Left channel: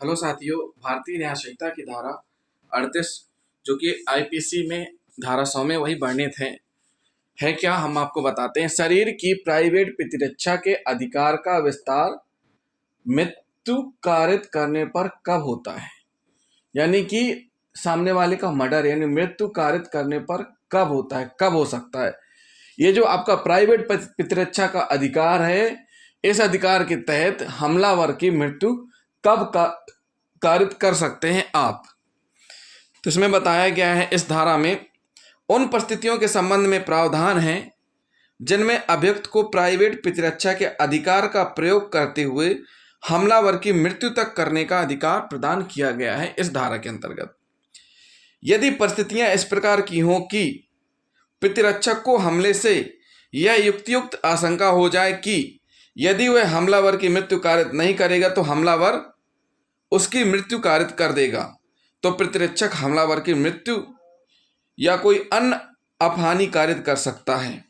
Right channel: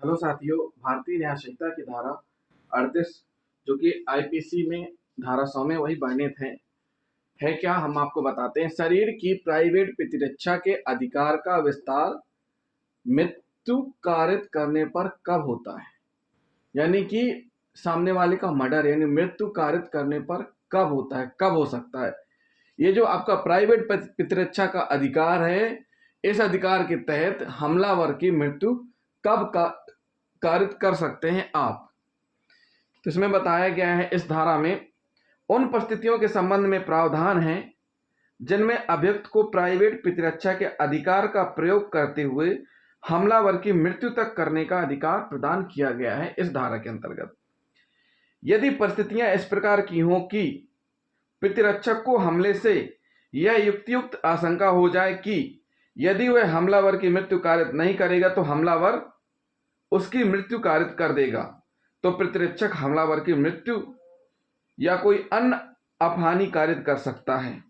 Hello साथियों, भारतीय न्याय संहिता की धारा 38 जो कि आईपीसी में धारा 100 में वही वर्णित है क्या हम आपको बताते हैं। शरीर की प्राइवेट प्रतिरक्षा के अधिकार का विस्तार मृत्यु कारित करने पर कब होता है, यानी कि सामने वाले का मर्डर यानी मृत्यु कारित करने पर कब होता है, कब हो सकता है। ये जो आपका प्राइवेट प्रतिरक्षा का अधिकार है, इस अधिकार के तहत हमलावर की मृत्यु कब कारित कर सकते हैं आप। तो इसमें बताया गया है इस धारा में उन परिस्थितियों के संबंध में प्रावधान है जिनमें अभियुक्त को प्राइवेट प्रतिरक्षा के अधिकार का प्रयोग करते हुए हमलावर की मृत्यु तक करने का अधिकार प्रदान किया गया है इस धारा के अंतर्गत। यदि परिस्थितियां इस प्रकार की हों कि प्रतिरक्षक को हमले से यह युक्तियुक्त आशंका हो जाए कि यदि वह हमलावर की मृत्यु कारित नहीं करेगा तो हमलावर उसकी मृत्यु कारित कर देगा, तो प्रतिरक्षक हमलावर की मृत्यु या कोई अन्य अपहानि कारित कर सकता है।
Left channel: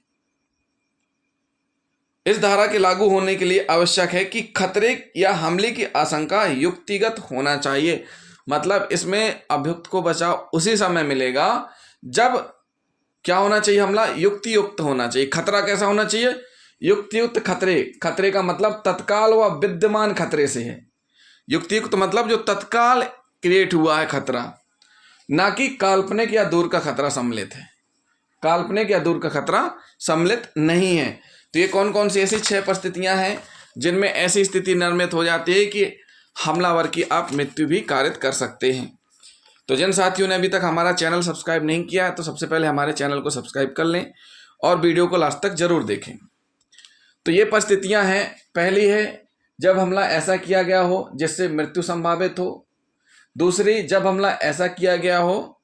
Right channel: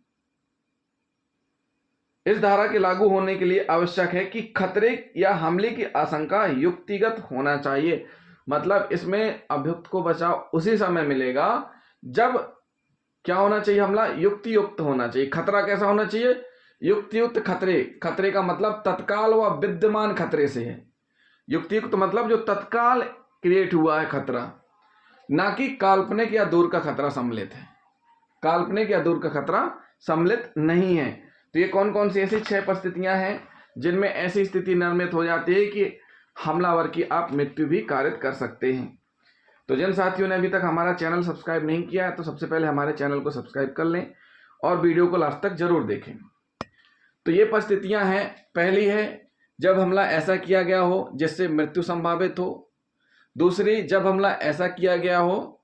इस धारा के लागू होने के लिए आवश्यक है कि खतरे या हमले की आशंका युक्तिगत होना चाहिए। मतलब इसमें अभियुक्त को बचाव उसी समय मिलेगा जब क्या होना चाहिए, हमला युक्तियुक्त होना चाहिए। खतरा कैसा होना चाहिए, युक्तियुक्त खतरे। खतरे का मतलब तत्काल व विद्यमान खतरे से है। युक्तियुक्त मतलब जो तत्काल क्रिएट हुआ है खतरा, ना कि काल्पनिक या दूर का खतरा सम्मिलित है। काल्पनिक या दूर का खतरा सम्मिलित नहीं है। तो ये कौन कौन सी ऐसी 6 परिस्थितियां हैं जिनमें ऐसी स्थिति निर्मित हो जाती है कि हमलावर की आप मृत्यु भी कारित कर सकते हैं। तो जिन साथियों ने अभी तक हमारा चैनल सब्सक्राइब नहीं किया है तो सबसे पहले हमारे चैनल को सब्सक्राइब कर लें और वीडियो को लास्ट तक जरूर देखें। तो ये परिस्थितियां हैं। पहली है जब हमला ऐसा किया गया हो जिससे मृत्यु संभावित हो। दूसरी, जब हमला ऐसा किया गया हो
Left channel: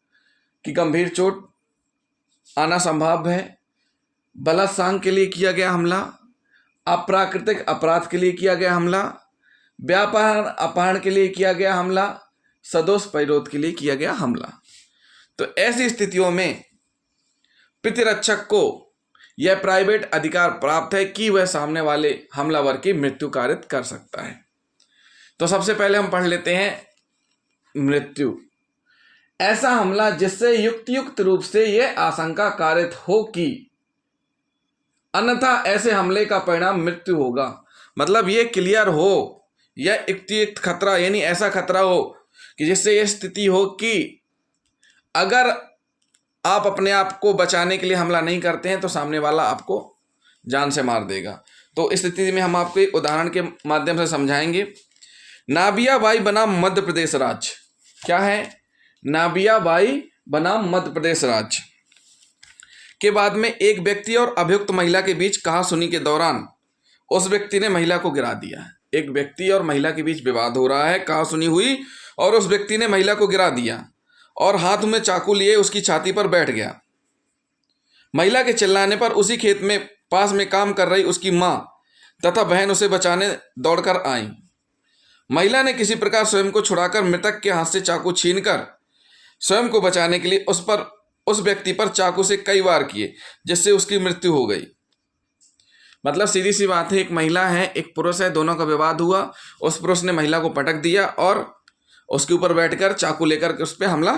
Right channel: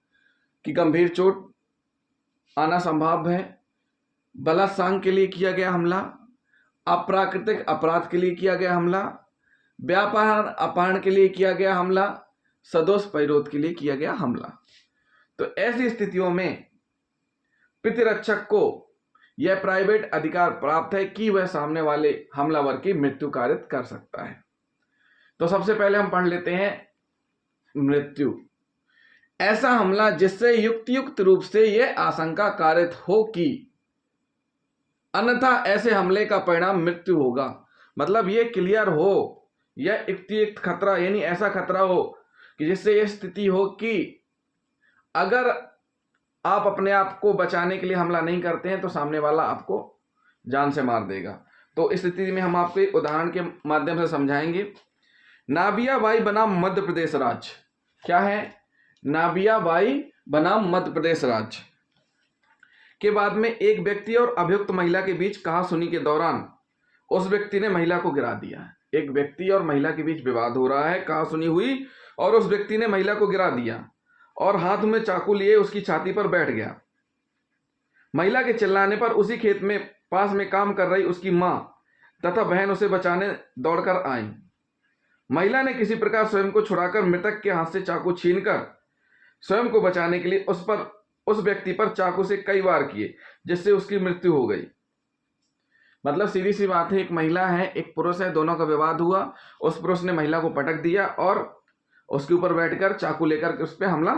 कि गंभीर चोट आना संभव है। बलात्कार के लिए किया गया हमला, अप्राकृतिक अपराध के लिए किया गया हमला, व्यापार अपहरण के लिए किया गया हमला, सदोष परिरोध के लिए किया गया हमला। तो ऐसी स्थितियों में प्रतिरक्षक को यह प्राइवेट अधिकार प्राप्त है कि वह सामने वाले हमलावर की मृत्यु कारित कर सकता है। तो सबसे पहले हम पढ़ लेते हैं मृत्यु। ऐसा हमला जिससे युक्तियुक्त रूप से यह आशंका कारित हो कि अन्यथा ऐसे हमले का परिणाम मृत्यु होगा। मतलब ये क्लियर हो, यह युक्तियुक्त खतरा यानी ऐसा खतरा हो कि जिससे यह स्थिति हो कि अगर आप अपने आप को बचाने के लिए हमला नहीं करते हैं तो सामने वाला आपको जान से मार देगा। तो इस स्थिति में हम आपको एक उदाहरण के माध्यम से समझाएंगे। नाबियाबाई बनाम मध्य प्रदेश राज्य। क्या है? नाबियाबाई बनाम मध्य प्रदेश राज्य के बाद में एक व्यक्ति और अभियुक्त महिला के बीच कहासुनी के दौरान उस व्यक्ति ने महिला को गिरा दिया। एक व्यक्ति और महिला के बीच विवाद हो रहा है, कहासुनी हुई और उस व्यक्ति ने महिला को गिरा दिया और हाथ में चाकू लिए उसकी छाती पर बैठ गया। महिला के चिल्लाने पर उसी खेत में पास में काम कर रही उसकी मां तथा बहन उसे बचाने दौड़कर आई। महिला ने किसी प्रकार स्वयं को छुड़ाकर मृतक के हाथ से चाकू छीनकर स्वयं को बचाने के लिए उस व्यक्ति पर चाकू से कई वार किए, जिससे उसकी मृत्यु हो गई। मतलब सीधी सी बात है, एक महिला है एक पुरुष है, दोनों का विवाद हुआ। उस पुरुष ने महिला को पटक दिया और उसके ऊपर बैठकर चाकू लेकर के उस पर हमला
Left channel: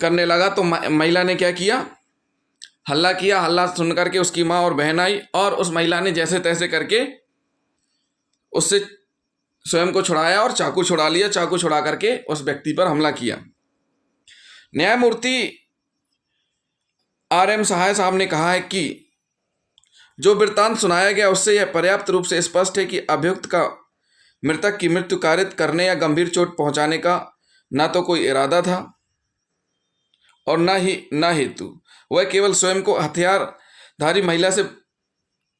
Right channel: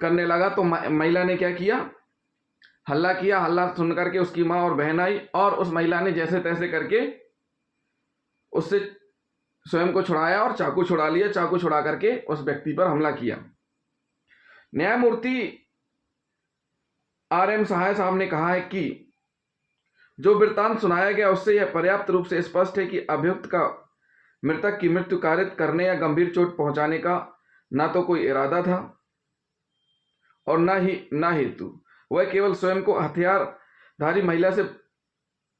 करने लगा। तो महिला ने क्या किया, हल्ला किया। हल्ला सुनकर के उसकी माँ और बहन आई और उस महिला ने जैसे तैसे करके उससे स्वयं को छुड़ाया और चाकू छुड़ा लिया। चाकू छुड़ा करके उस व्यक्ति पर हमला किया। न्यायमूर्ति आर एम सहाय साहब ने कहा है कि जो वृत्तांत सुनाया गया उससे यह पर्याप्त रूप से स्पष्ट है कि अभियुक्त का मृतक की मृत्यु कारित करने या गंभीर चोट पहुंचाने का ना तो कोई इरादा था और ना हेतु। वह केवल स्वयं को हथियारधारी महिला से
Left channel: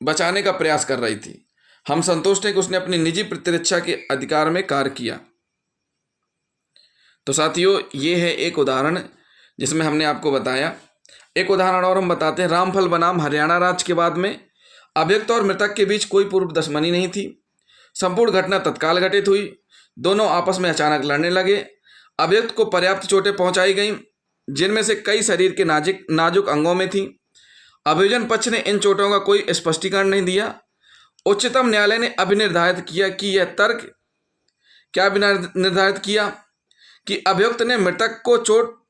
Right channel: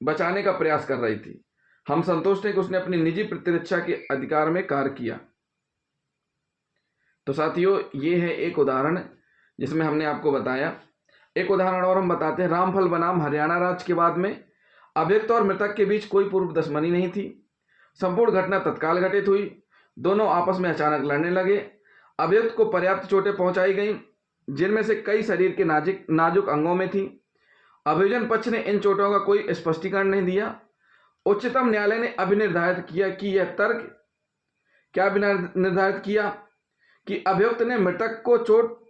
बचाने का प्रयास कर रही थी। हम संतुष्ट हैं कि उसने अपनी निजी प्रतिरक्षा के अधिकार में कार्य किया। तो साथियों, ये है एक उदाहरण जिसमें हमने आपको बताया। एक उदाहरण और हम बताते हैं। रामफल बनाम हरियाणा राज्य के बाद में अभियुक्त और मृतक के बीच कोई पूर्व दुश्मनी नहीं थी। संपूर्ण घटना तत्काल घटित हुई। दोनों आपस में अचानक लड़ने लगे। अभियुक्त को पर्याप्त चोटें पहुंचाई गईं, जिनमें से कई शरीर के नाजुक अंगों में थी। अभियोजन पक्ष ने इन चोटों का कोई स्पष्टीकरण नहीं दिया। उच्चतम न्यायालय ने अभिनिर्धारित किया कि यह तर्क क्या निर्धारित किया कि अभियुक्त ने मृतक को चोट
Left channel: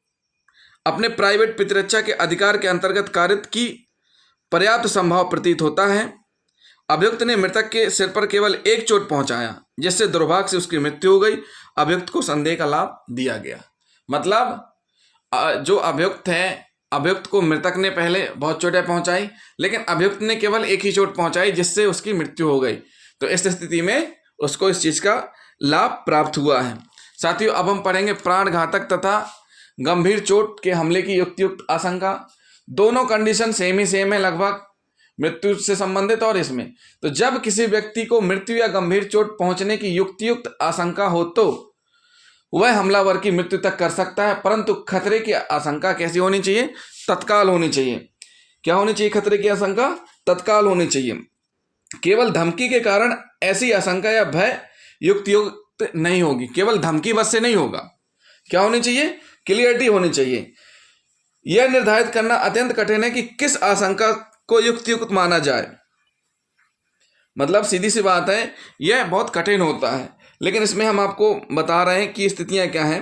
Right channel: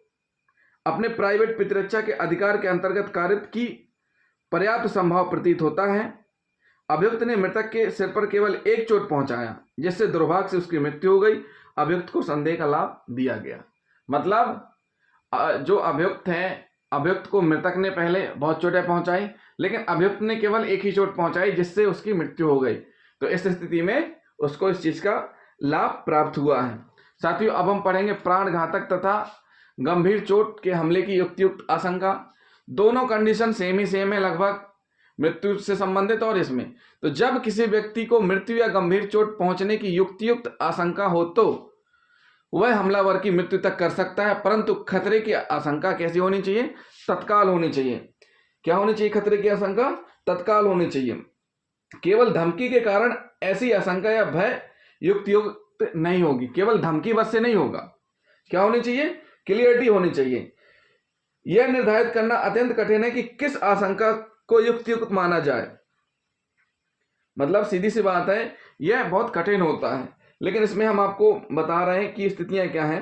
अपने प्राइवेट प्रतिरक्षा के अधिकार के अंतर्गत कारित की पर्याप्त संभव प्रतीत होता है। अभियुक्त ने मृतक के सिर पर केवल एक चोट पहुंचाया जिससे दुर्भाग्य से उसकी मृत्यु हो गई। अभियुक्त को संदेह का लाभ दिया गया। मतलब जो अभियुक्त है, अभियुक्त को मृतक ने पहले बहुत चोटें पहुंचाई, लेकिन अभियुक्त ने केवल एक ही चोट पहुंचाई जिससे उसकी मृत्यु हो गई। तो इस स्थिति में उसको इस चीज का लाभ प्राप्त हुआ है। साथियों, अब हम पढ़ेंगे प्राण घातक तथा गंभीर चोट के हमले की युक्तियुक्त आशंका। दोनों कंडीशन सेम है लगभग, मृत्यु से संबंधित और इसमें। तो जब किसी व्यक्ति को मृत्यु या गंभीर चोट पहुंचने की युक्तियुक्त आशंका हो तो वह हमलावर की मृत्यु तक कर सकता है, परंतु खतरे की आशंका कैसी होनी चाहिए? तत्काल होनी चाहिए। क्या होनी चाहिए? खतरे की आशंका तत्काल होनी चाहिए। केवल धमकी के कारण ऐसी आशंका या भय युक्तियुक्त नहीं होगी। केवल धमकी बस से नहीं होगा। क्या होनी चाहिए? क्लियरिटी होनी चाहिए। यह निर्धारित करना अत्यंत कठिन है कि किस आशंका को युक्तियुक्त माना जाए। मतलब सीधी सी बात है, यह बहुत कठिन होता है, लेकिन इसमें हम आपको बता रहे हैं कि स्थितियां क्या हैं।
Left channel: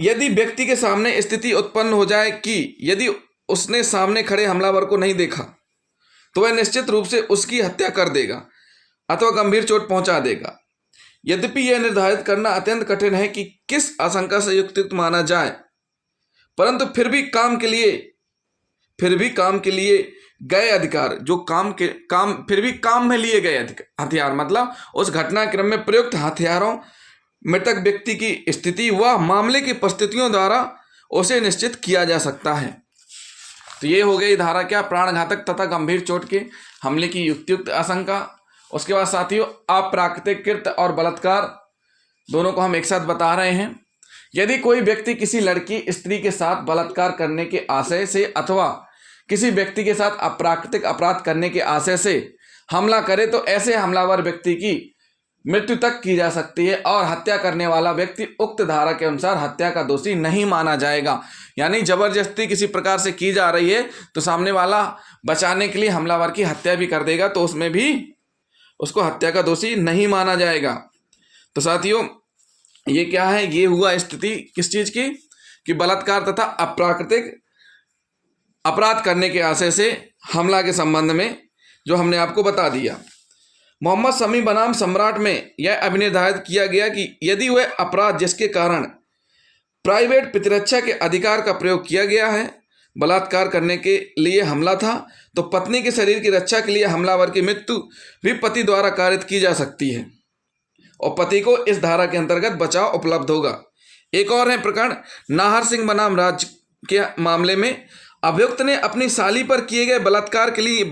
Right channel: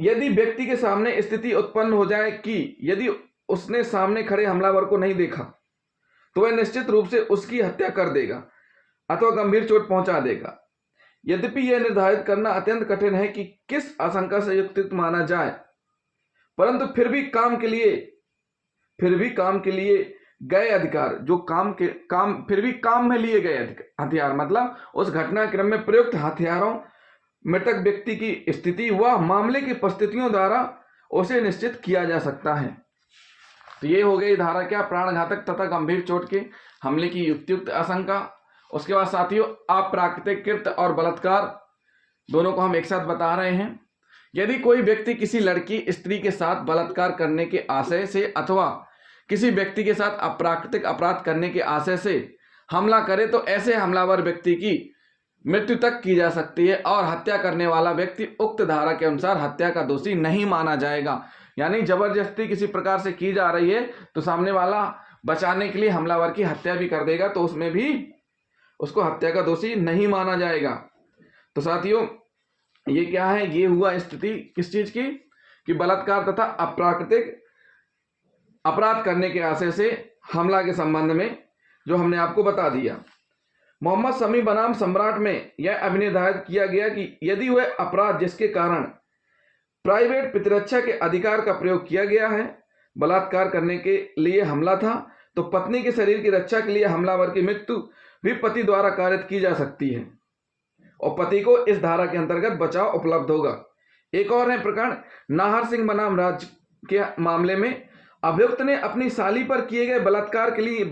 यदि व्यक्ति के सामने स्थिति उत्पन्न हो जाए कि यदि उसने सामने खड़े हमलावर को नहीं देखा तो वह निश्चित रूप से उसकी हत्या कर देगा अथवा गंभीर चोट पहुंचा देगा। यद्यपि यह निर्धारित करना अत्यंत कठिन है कि किस आशंका से युक्तियुक्त माना जाए, परंतु फिर भी काम के लिए गए अधिकार, जो फिर भी काम में लिए गए हथियार, मतलब उस घटनाक्रम में प्रयुक्त हथियारों, मृतक व्यक्ति की स्थिति व मामले की परिस्थितियों द्वारा उसे निश्चित किया जा सकता है। तो ये हो गई धारा क्या? प्राणघातक तथा गंभीर चोट के हमले की युक्तियुक्त आशंका। उसके बाद साथियों, अप्राकृतिक कृत्य और बलात्कार दोनों को हम एक साथ बता रहे हैं। यदि कोई व्यक्ति किसी लड़की स्त्री के साथ बलात्कार करने के आशय से अथवा किसी व्यक्ति के साथ अप्राकृतिक अपराध करने के आशय से हमला करे तो ऐसे हमलावर व्यक्ति की मृत्यु तक की जा सकती है और हत्या करने वाला व्यक्ति उक्त धारा के अनुसार हत्या का दोषी नहीं माना जाएगा। यानी जबरदस्ती किसी प्रकार से की जा रही है तो सामने वाला बचाने के लिए हमलावर की हत्या भी कर देगा, तो उसमें भी उसको हत्या का दोषी नहीं माना जाएगा। तो साथियों, ये क्या है? ये हुआ स्थिति किस चीज की? कि बलात्कार तथा अप्राकृतिक अपराध करने के आशय से हमला के संबंध में जो हमने आपको बता दिया। मोहम्मद शमी बनाम सम्राट में यह अभिनिर्धारित किया गया कि यदि वह अपराध जिसके कारण प्राइवेट प्रतिरक्षा के अधिकार का प्रयोग किया गया है, बलात्कार करने के लिए हमला था, तो पत्नी के शरीर की रक्षा के लिए हमलावर की मृत्यु भी पति द्वारा कारित की जा सकती है और पति को इस धारा के अंतर्गत बचाव उपलब्ध होगा। एक और है प्रकरण नाहर सिंह बनाम राज के मामले में। अभियुक्त ने अपनी साली पर किए गए बलात्कार के लिए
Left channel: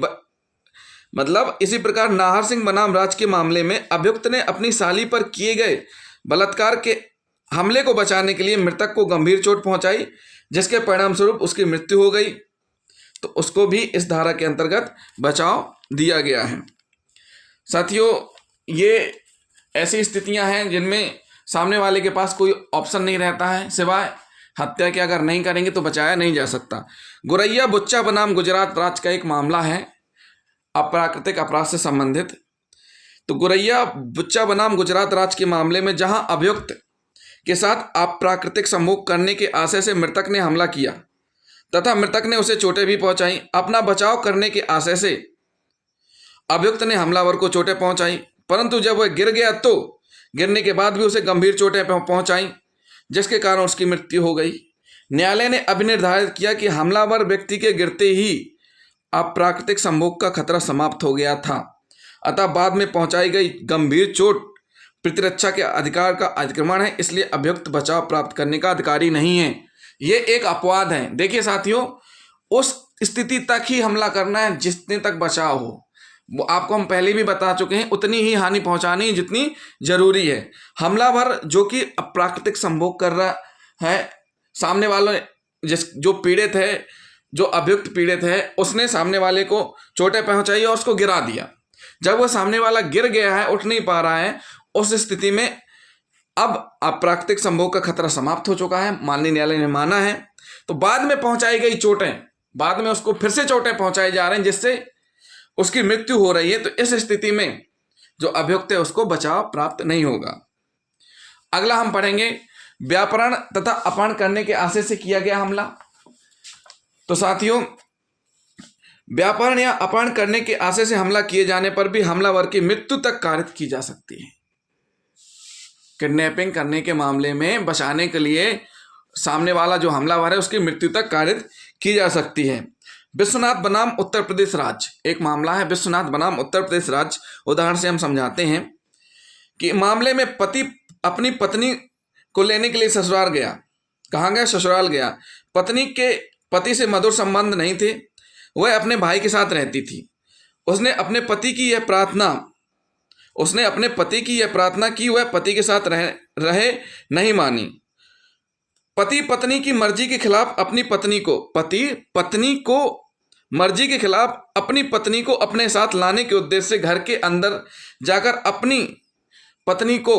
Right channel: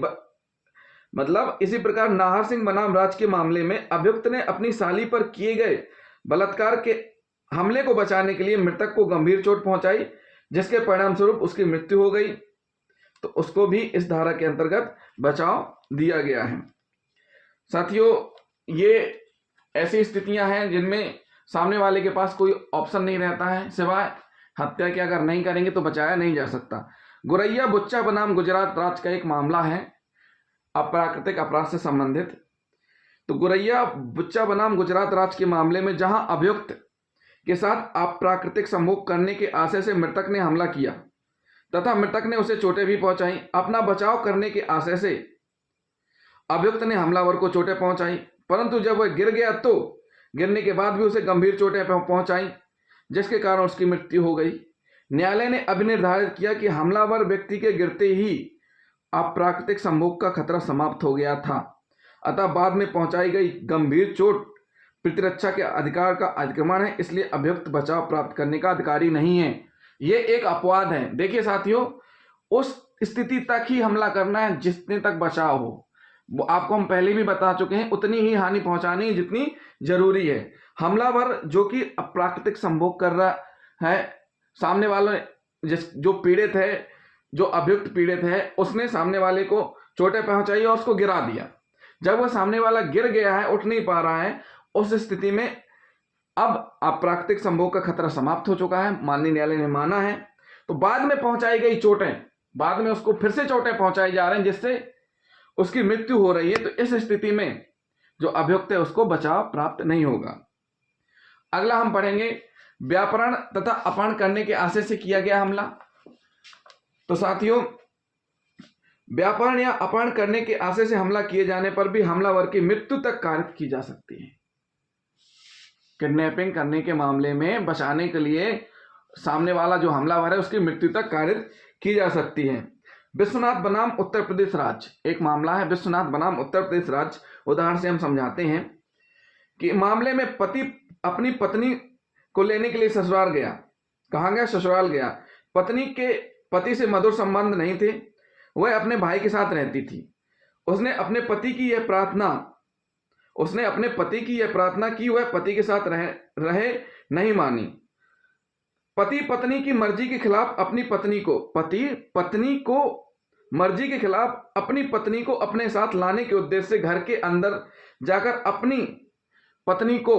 मतलब इसी प्रकार नाहर सिंह बनाम राज के मामले में अभियुक्त ने अपनी साली पर किए गए बलात्कार के हमले को बचाने के लिए मृतक को गंभीर चोट पहुंचाई जिसके परिणाम स्वरूप उसकी मृत्यु हो गई, तो उसको भी इस धारा के अंतर्गत बचाव दिया गया है। साथियों, ये ऐसी स्थितियां हैं जिनमें सामने वाले के पास कोई ऑप्शन नहीं रहता है सिवाय हत्या के। अगर नहीं करेंगे तो बचाया नहीं जा सकता। गुरैया बुच्चा बनाम गुजरात राज्य का एक मामला है अप्राकृतिक अपराध से संबंधित। तो गुरैया बुच्चा बनाम गुजरात राज्य के मामले में जहां अभियुक्त के साथ अप्राकृतिक संभोग करने के आशय से मृतक ने हमला किया तथा मृतक ने उसे चोटें भी पहुंचाई, अपना बचाव करने के आशय से अभियुक्त ने हमलावर को चोटें पहुंचाई, परंतु जब वह गिर गया तो गिरने के बाद भी उसे गंभीर चोटें पहुंचाई जिसके कारण उसकी मृत्यु हो गई। न्यायालय ने अभिनिर्धारित किया कि हमलावर व्यक्ति के गिरते ही अप्राकृतिक संभोग का खतरा समाप्त हो गया था, अतः बाद में पहुंचाई गई गंभीर चोट प्रतिरक्षा के अधिकार का अतिक्रमण है, इसलिए अभियुक्त बचाव प्राप्त करने का अधिकारी नहीं है। ये एक अपवाद है। देखिए साथियों, उस स्थिति तक ही हमला करना है जितने तक बचाव हो। वो आपको हम पहले भी बता चुके हैं, उतनी ही हानि पहुंचानी जितनी जरूरी है। हमलावर जो कि अप्राकृतिक संभोग कर रहा है, सामने वाले जो पीड़ित है, जो अभियुक्त पीड़ित है, उसने सामने वाले को चोटें पहुंचाई और उसको गिरा दिया। जब वो सामने वाला गिर गया है, उठ नहीं पा रहा है, उस स्थिति में अब अप्राकृतिक संभोग का खतरा समाप्त हो चुका है, माननीय न्यायालय ने माना है। तो बाद में पहुंचाई गई चोटें, बाद में उसको फिर से चोटें पहुंचाई जा रही हैं जिससे उसकी मृत्यु हो रही है। तो इस स्थिति में जो अभियुक्त है उसको बचाव प्राप्त नहीं होगा। अगला हम पढ़ेंगे व्यापरण तथा अपहरण करने के आशय से किया गया हमला। तो साथियों, व्यापरण या अपहरण करने के आशय से हमला किए जाने पर भी हमलावर की मृत्यु तक कारित की जा सकती है। किडनैपिंग करने के मामले में बचाने के लिए सामने वाला जो हमलावर है उसकी मृत्यु तक कारित की जा सकती है। विश्वनाथ बनाम उत्तर प्रदेश राज्य, एक मामला है विश्वनाथ बनाम उत्तर प्रदेश राज्य। उदाहरण से हम समझाते हैं कि मामले में पति अपनी पत्नी को लेने के लिए ससुराल गया। कहाँ गया? ससुराल गया। पत्नी के पति से मधुर संबंध नहीं थे, वह अपने भाई के साथ रहती थी। उसने अपने पति की यह प्रार्थना की, वह पति के साथ रहे नहीं मानी। पति पत्नी की मर्जी के खिलाफ अपनी पत्नी को अपने साथ लाने के उद्देश्य से घर के अंदर जाकर अपनी पत्नी को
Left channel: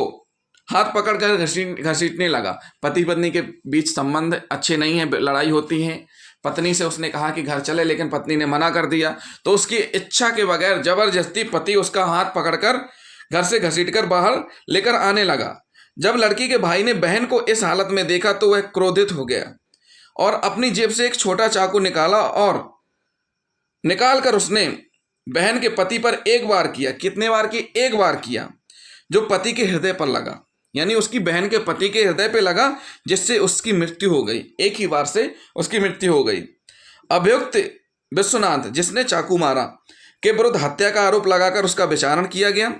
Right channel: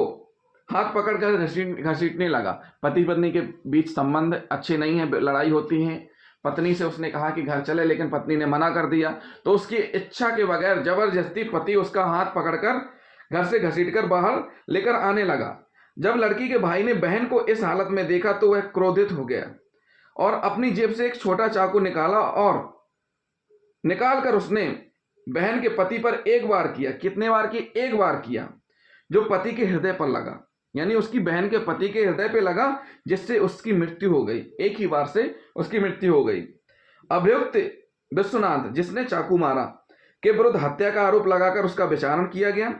हाथ पकड़कर घसीटने लगा। पति पत्नी के बीच संबंध अच्छे नहीं है, लड़ाई होती है। पत्नी से उसने कहा कि घर चले, लेकिन पत्नी ने मना कर दिया। तो उसकी इच्छा के बगैर जबरदस्ती पति उसका हाथ पकड़कर घर से घसीटकर बाहर लेकर आने लगा। जब लड़की के भाई ने बहन को इस हालत में देखा तो वह क्रोधित हो गया और अपनी जेब से एक छोटा चाकू निकाला और निकालकर उसने बहन के पति पर एक बार किया। कितने बार की? एक बार किया, जो पति के हृदय पर लगा, यानी उसकी बहन के पति के हृदय पे लगा, जिससे उसकी मृत्यु हो गई। एक ही बार से उसकी मृत्यु हो गई। अभियुक्त विश्वनाथ, जिसने चाकू मारा, के विरुद्ध हत्या का आरोप लगाकर उसका विचारण किया गया।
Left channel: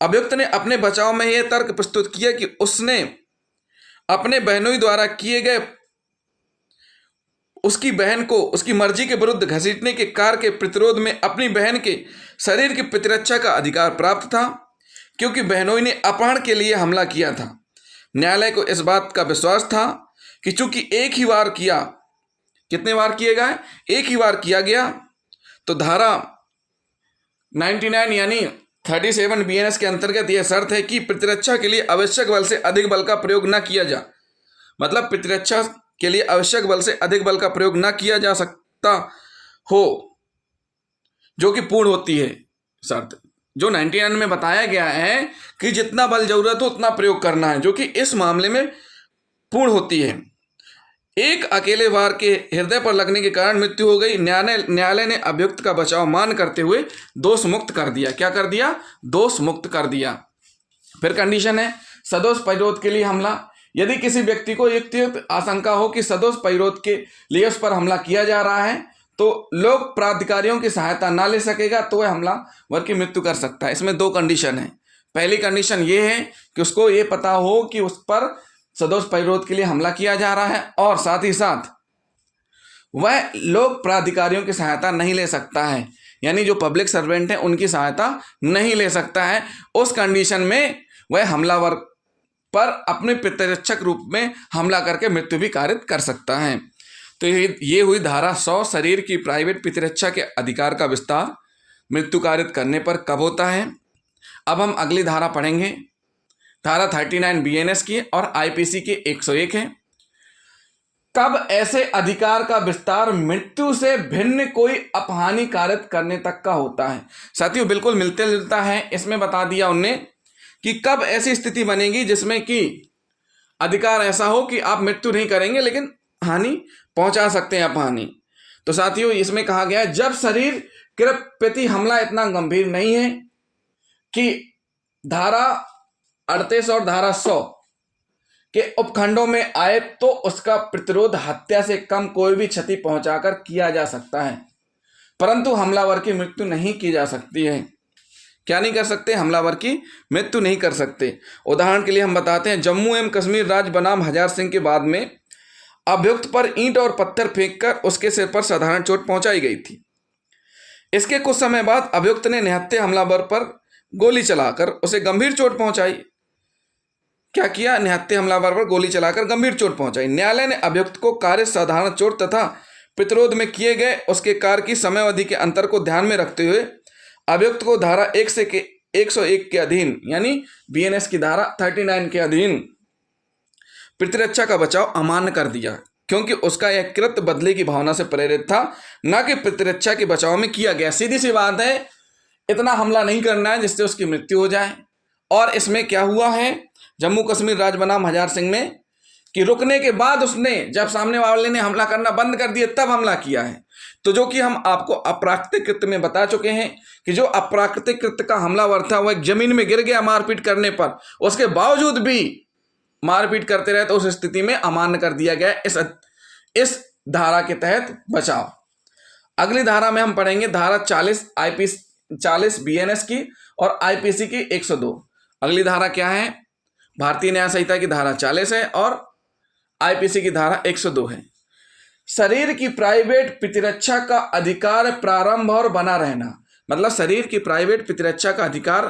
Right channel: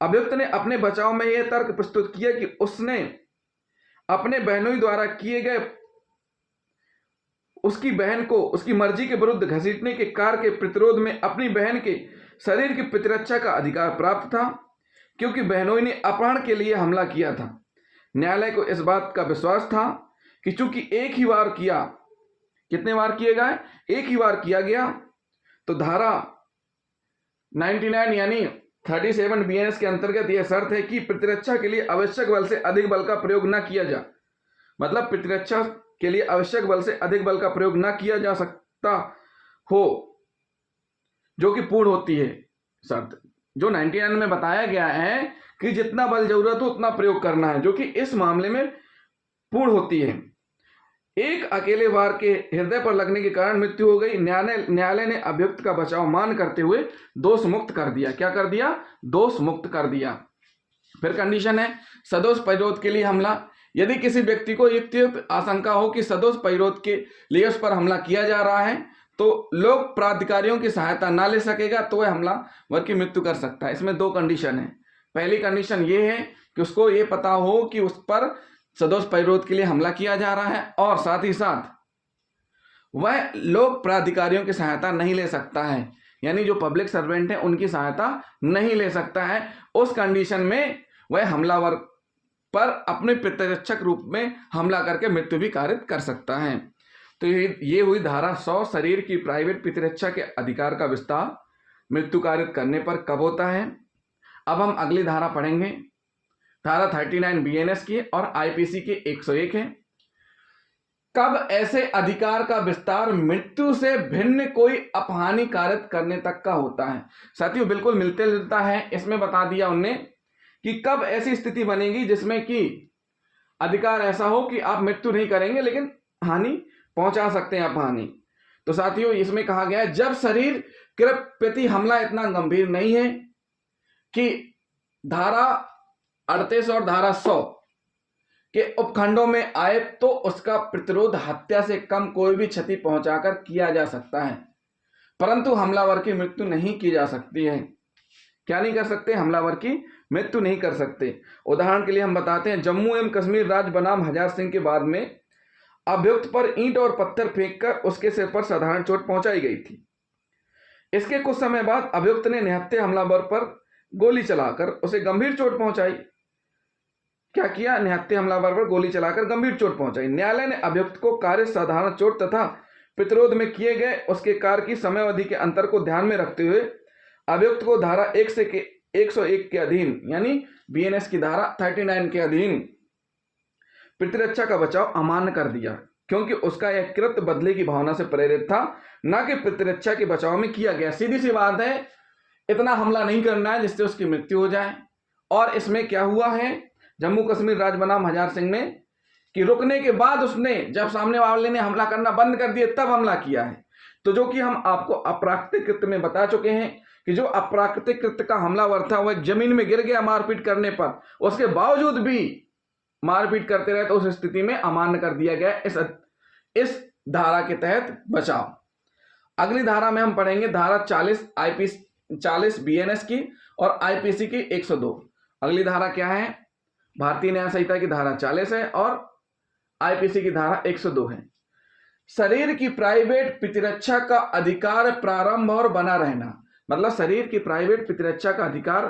अभियुक्त ने अपने बचाव में यह तर्क प्रस्तुत किया कि उसने अपने बहनोई द्वारा किए गए उसकी बहन को उसकी मर्जी के विरुद्ध घसीटने के कार्य के प्रतिरोध में अपनी बहन के शरीर की प्रतिरक्षा का अधिकार प्राप्त था, क्योंकि बहनोई ने अपहरण के लिए हमला किया था। न्यायालय को इस बात का विश्वास था कि चूंकि एक ही बार किया, कितने बार किएगा? एक ही बार किया गया, तो धारा 99 यानी 37 BNS के अंतर्गत यह शर्त है कि प्रतिरक्षा के लिए आवश्यक बल से अधिक बल का प्रयोग न किया जा, मतलब प्रतिरक्षा के लिए आवश्यक बल से अधिक बल का प्रयोग न किया जा सकता हो, जो कि पूर्ण होती है शर्त। जो 99 में बताया गया है कि जितना बल जरूरत हो उतना प्रयोग करना है, जो कि इस मामले में पूर्ण होती है। एक अकेले वार के हृदय पर लगने के कारण मृत्यु हो गई। न्यायालय ने अभियुक्त का बचाव मान करते हुए दोष मुक्त कर दिया। क्या कर दिया? दोष मुक्त कर दिया। फिर कंडीशन है सदोष प्रतिरोध के लिए हमला। यदि किसी व्यक्ति को युक्तियुक्त आशंका हो कि सदोष प्रतिरोध के लिए उस पर हमला किया जा रहा है, तो लोक प्राधिकारियों की सहायता ना ले सकेगा, तो वह हमलावर की मृत्यु कर सकता है। इसमें दो कंडीशन है। पहली कंडीशन ये है कि उसको ये पता हो कि उस पर सदोष प्रतिरोध के लिए हमला किया जा रहा है, और साथ ही साथ वह लोक प्राधिकारियों की सहायता नहीं ले सकता है, यानी जो पब्लिक सर्वेंट है उनकी सहायता नहीं ले सकता है। उस कंडीशन में वह हमलावर पर अपने प्रतिरक्षक रूप में हमला करके मृत्यु भी कारित कर सकता है। तो ये हुई धारा 100, शरीर की प्राइवेट प्रतिरक्षा के अधिकार का विस्तार मृत्यु कारित करने पर कब होता है। अब हम अगली धारा पढ़ेंगे, धारा 39 BNS की और IPC की 101 है। कब ऐसे अधिकार का विस्तार मृत्यु से भिन्न कोई अपहानि कारित करने तक का होता है। साथियों, बिल्कुल मिलते जुलता है। इसमें बता दिया उनने कि कब ऐसी स्थिति बनेगी जिसमें कि अधिकार ऐसा हो कि आप मृत्यु नहीं करेंगे लेकिन हानि पहुंचा सकते हैं, अपहानि। तो साथियों, इसमें कहा गया है जब शरीर के प्रति हमला इतना गंभीर नहीं है कि धारा 38 और धारा 100 के उपखंडों में आए, तो उसका प्रतिरोध हत्या से कम कोई भी क्षति पहुंचाकर किया जा सकता है, परंतु हमलावर की मृत्यु नहीं की जा सकती है। क्या नहीं कर सकते? हमलावर की मृत्यु नहीं कर सकते। उदाहरण के लिए हम बताते हैं, जम्मू एवं कश्मीर राज्य बनाम हजार सिंह के बाद में अभियुक्त पर ईंट और पत्थर फेंककर उसके सिर पर साधारण चोट पहुंचाई गई थी। इसके कुछ समय बाद अभियुक्त ने निहत्थे हमलावर पर गोली चलाकर उसे गंभीर चोट पहुंचाई। क्या किया? निहत्थे हमलावर पर गोली चलाकर गंभीर चोट पहुंचाई। न्यायालय ने अभियुक्त को कार्य साधारण चोट तथा प्रतिरोध में किए गए उसके कार्य की समयावधि के अंतर को ध्यान में रखते हुए अभियुक्त को धारा 101 के अधीन, यानी BNS की धारा 39 के अधीन प्रतिरक्षा का बचाव अमान्य कर दिया, क्योंकि उसका यह कृत्य बदले की भावना से प्रेरित था, न कि प्रतिरक्षा के बचाव में किया गया। सीधी सी बात है, इतना हमला नहीं करना है जिससे उसकी मृत्यु हो जाए। और इसमें क्या हुआ है जम्मू कश्मीर राज्य बनाम हजार सिंह में कि रुकने के बाद उसने जब सामने वाले ने हमला करना बंद कर दिया तब हमला किया है। तो जो कि हम आपको अप्राकृतिक कृत्य में बता चुके हैं कि जो अप्राकृतिक कृत्य का हमलावर था वह एक जमीन में गिर गया मारपीट करने पर, उसके बावजूद भी मारपीट करते रहे तो उस स्थिति में अमान्य कर दिया गया इस धारा के तहत बचाव। अगली धारा में हम पढ़ेंगे धारा 40 बीएनएस की और आईपीसी की 102। अगली धारा क्या है? भारतीय न्याय संहिता की धारा 40 है और आईपीसी की धारा 102 है। शरीर की प्राइवेट प्रतिरक्षा का अधिकार प्रारंभ और बना रहना, मतलब शरीर की प्राइवेट प्रतिरक्षा का अधिकार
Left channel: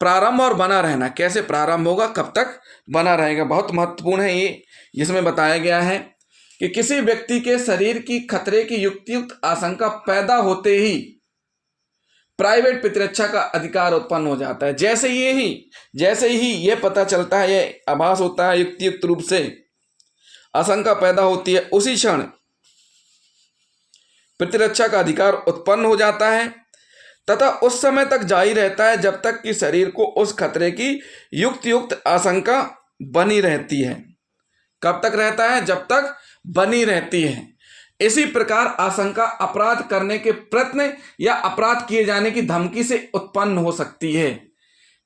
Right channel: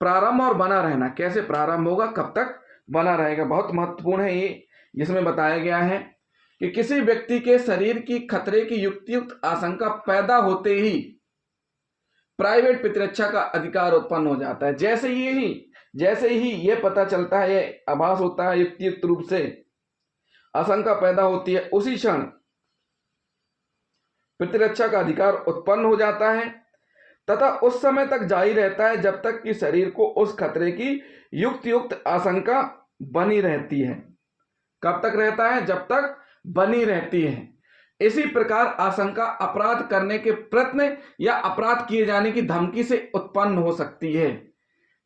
प्रारंभ और बना रहना। कैसे प्रारंभ होगा, कब तक बना रहेगा, बहुत महत्वपूर्ण है ये, जिसमें बताया गया है कि किसी व्यक्ति के शरीर की खतरे की युक्तियुक्त आशंका पैदा होते ही प्राइवेट प्रतिरक्षा का अधिकार उत्पन्न हो जाता है। जैसे ही ये पता चलता है, ये आभास होता है युक्तियुक्त रूप से आशंका पैदा होती है, उसी क्षण प्रतिरक्षा का अधिकार उत्पन्न हो जाता है तथा उस समय तक जारी रहता है जब तक कि शरीर को उस खतरे की युक्त आशंका बनी रहती है। कब तक रहता है? जब तक बनी रहती है। इसी प्रकार आशंका अपराध करने के प्रयत्न या अपराध किए जाने की धमकी से उत्पन्न हो सकती है।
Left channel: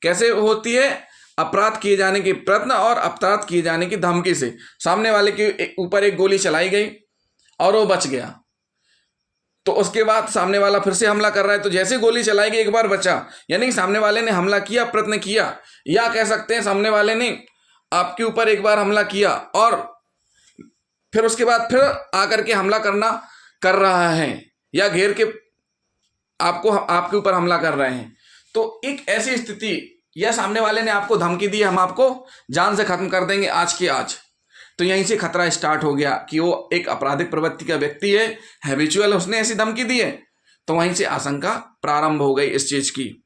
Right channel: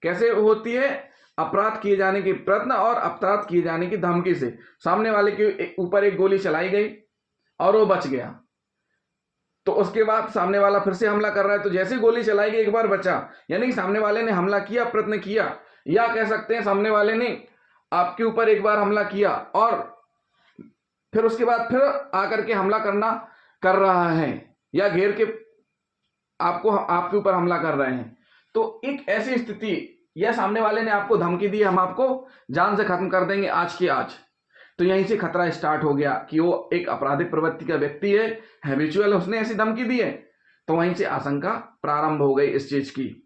कैसे होती है? अपराध किए जाने के प्रयत्न और अपराध किए जाने की धमकी से। सामने वाले के ऊपर एक गोली चलाई गई और वो बच गया, तो उसके बाद सामने वाला फिर से हमला कर रहा है, तो जैसे गोली चलाई गई एक बार बचा, यानी कि सामने वाले ने हमला किया, प्रयत्न किया, या कह सकते हैं सामने वाले ने आपके ऊपर एक बार हमला किया और फिर उसके बाद फिर आकर के हमला कर रहा है या घेर के आपके ऊपर हमला कर रहे हैं। तो एक ऐसी स्थिति या सामने वाले ने आपको धमकी दी, हम आपको जान से खत्म कर देंगे आज की आज, तो यहीं से खतरा स्टार्ट हो गया कि वो एक आपराधिक प्रवृत्ति का व्यक्ति है, हैबिचुअल, उसने ऐसी धमकी दी है, तो वहीं से आशंका प्रारंभ हो गई इस चीज की।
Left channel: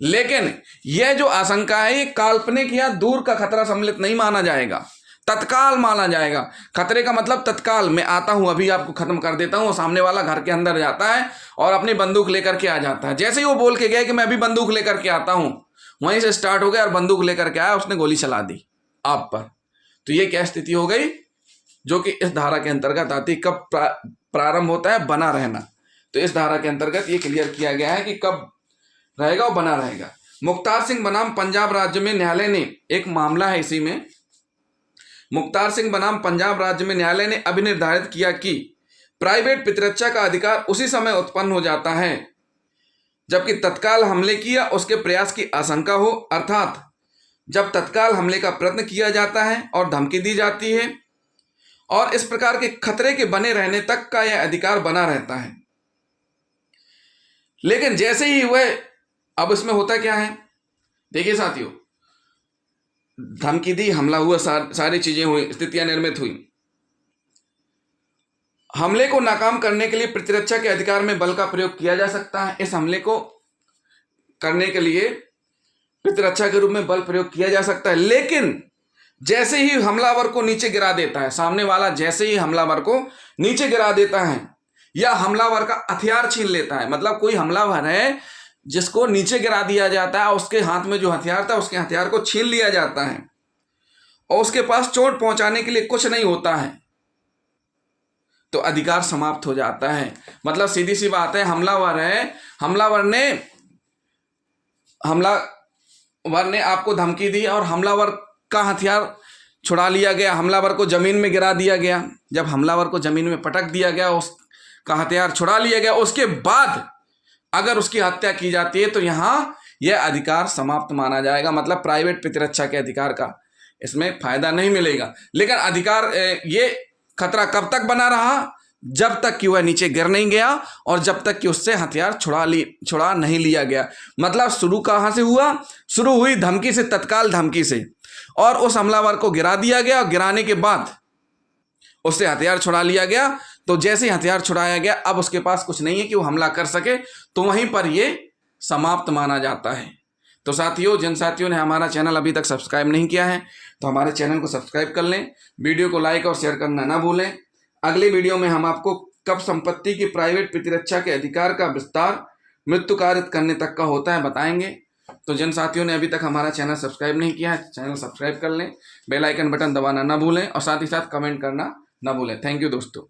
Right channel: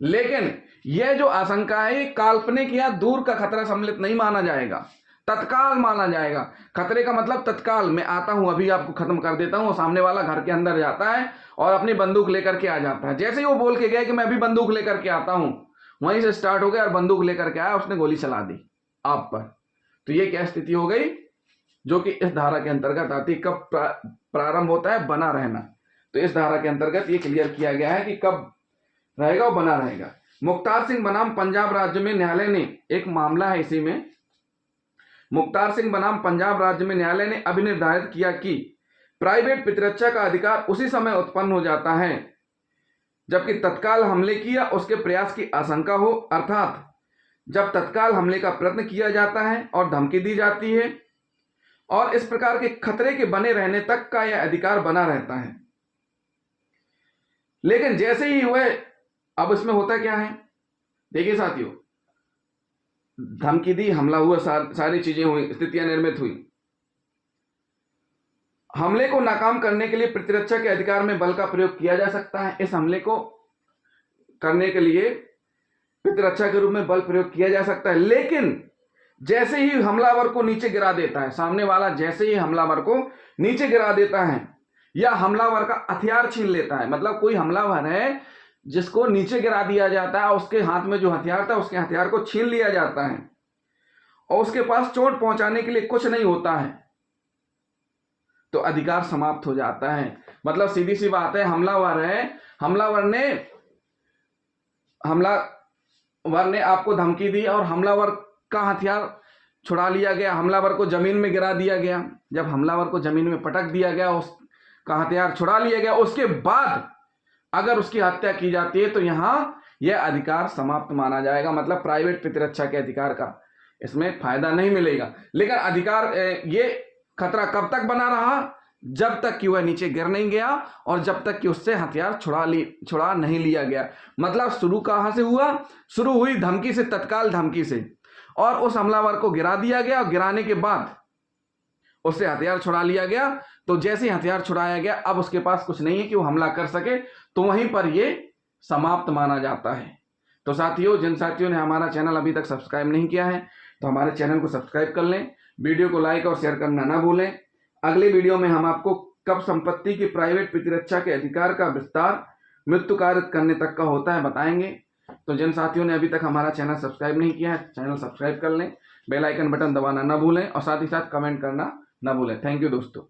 लेकिन यह जो आशंका है ये काल्पनिक या दूर का खतरा सम्मिलित नहीं माना जाएगा, तत्काल माना जाएगा। खतरे का मतलब तत्काल, मैं आता हूं, अभी आपको खत्म कर देता हूं। सामने वाला घर के अंदर जाता है और अपनी बंदूक लेकर के आ जाता है। जैसे ही वो बोल के गया कि मैं अभी बंदूक लेकर के आता हूं, वहीं से स्टार्ट हो गया और बंदूक लेकर के आया, उसने गोली चला दी आप पर। तो ये क्या स्थिति हो गई जो कि इस धारा के अंतर्गत आती। कब प्रारंभ होता है? बना रहना। तो इस धारा के अंतर्गत ये क्लियर किया गया है कि कब रहेगा और बना रहेगा। मुख्तार सिंह बनाम पंजाब राज्य में न्यायालय ने एक मामला है, इसी में मुख्तार सिंह बनाम पंजाब राज्य में न्यायालय ने अभी निर्धारित किया कि प्राइवेट प्रतिरक्षा का अधिकार उसी समय उत्पन्न हो जाता है जबकि तत्काल हमले की या उसके प्रयास की आशंका हो, अर्थात जब तत्काल हमले का प्रयत्न किया जाता है और धमकी दी जाती है, और इस प्रकार के खतरे के बने रहने तक का यह अधिकार बना रहता है। लेकिन जैसे ही वह, अब इसमें होता क्या है, देखिए साथियों, धमकी दी, हमला हुआ, सारी चीजें हुई, स्थितियां निर्मित हुई। हमले को नाकाम करने के लिए प्रतिरक्षा के अधिकार में बल का प्रयोग किया जा सकता है। इस हमले को करने के लिए प्रतिरक्षा के रूप में बल प्रयोग किया जा सकता है। लेकिन जैसे ही हमलावर को नीचे गिरा देता है, सामने वाला जैसे ही हमलावर को नीचे गिरा देता है या हमलावर का हथियार छीन लेता है, मतलब कोई हमलावर है जिसको नीचे गिरा दिया जाता है, उसके हाथ में जो हथियार था उसके हथियार को छीन लिया जाता है और उसके पास चोट पहुंचाने के लिए कुछ नहीं होता है, तो अधिकार समाप्त हो जाता है। मतलब सीधी सी बात है, हमलावर है, हमलावर ने आपको धमकी दी और हमलावर का हथियार छुड़ा लिया गया, हमलावर को जमीन में गिरा दिया गया। जब हमलावर को जमीन में पटक दिया गया, उसका हथियार छुड़ा लिया गया, उसके बाद अगर उसकी हत्या की जाती है तो यहां यह अधिकार समाप्त माना जाएगा। मतलब प्राइवेट प्रतिरक्षा के अधिकार का इसमें फायदा नहीं मिलेगा। लेकिन अधिकार, ये खतरा कब तक बना रहा? जब तक कि वह नीचे गिर नहीं गया और जब तक कि उससे हथियार छुड़ा नहीं लिया गया। मतलब शुरू कहां से हुआ? शुरू हुई धमकी से, तत्काल धमकी से, और उस हमलावर को गिरा दिया गया और गिराने के बाद उससे हथियार छुड़ा लिया गया। तो जैसे ही हथियार छुड़ाया गया, अब उसके पास कुछ नहीं है कि वो हमला कर सके, तो वहीं पर ये समाप्त माना जाता है। तो साथियों, जिन साथियों ने हमारा चैनल अभी तक सब्सक्राइब नहीं किया है तो हमारे चैनल को सब्सक्राइब कर लें, वीडियो को लाइक और शेयर करना ना भूलें। अगले वीडियो में हम आपको कब संपत्ति की प्राइवेट प्रतिरक्षा के अधिकार का विस्तार मृत्यु कारित करने तक का होता है, बताएंगे। तो जिन साथियों ने अभी तक हमारा चैनल सब्सक्राइब नहीं किया है, चैनल सब्सक्राइब कर लें, बेल आइकन बटन दबाना ना भूलें और साथ ही साथ कमेंट करना ना भूलें। थैंक यू दोस्तों।